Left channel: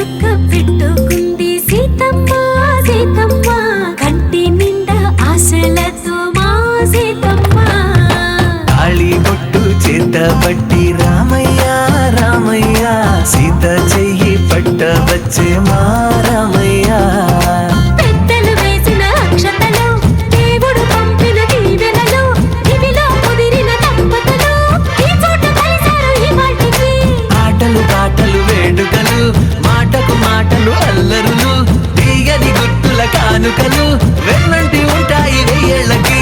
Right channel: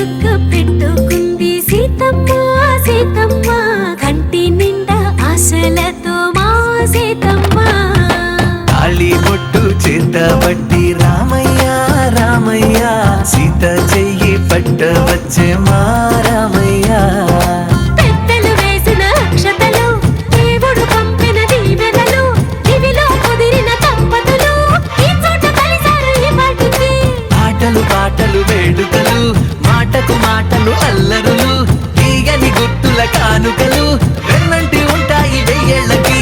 చుక్క పెట్టుకుంది సీతమ్మ సీతమ్మ కంటి నిండా ఆశలతో మా సీతమ్మ తాళి బొట్టు చేతబట్టి రామయ్య రామయ్య సీత చెయ్యి పట్టవచ్చే మా రామయ్య పెద్దలు వేసిన అక్షతలు దేవుడు పంపిన దీవెనలు ఇవిలో కుదిరిన దంపతులు ఈ చోట కలిసారు ఈ పాటికి ఆటలు పాటలు వేడుకలు మాటకు మాటలు అల్లరులు తీయని గుట్టుల కానుకలు వెన్నంటి ఉంటాయి వెయ్యేళ్ళకి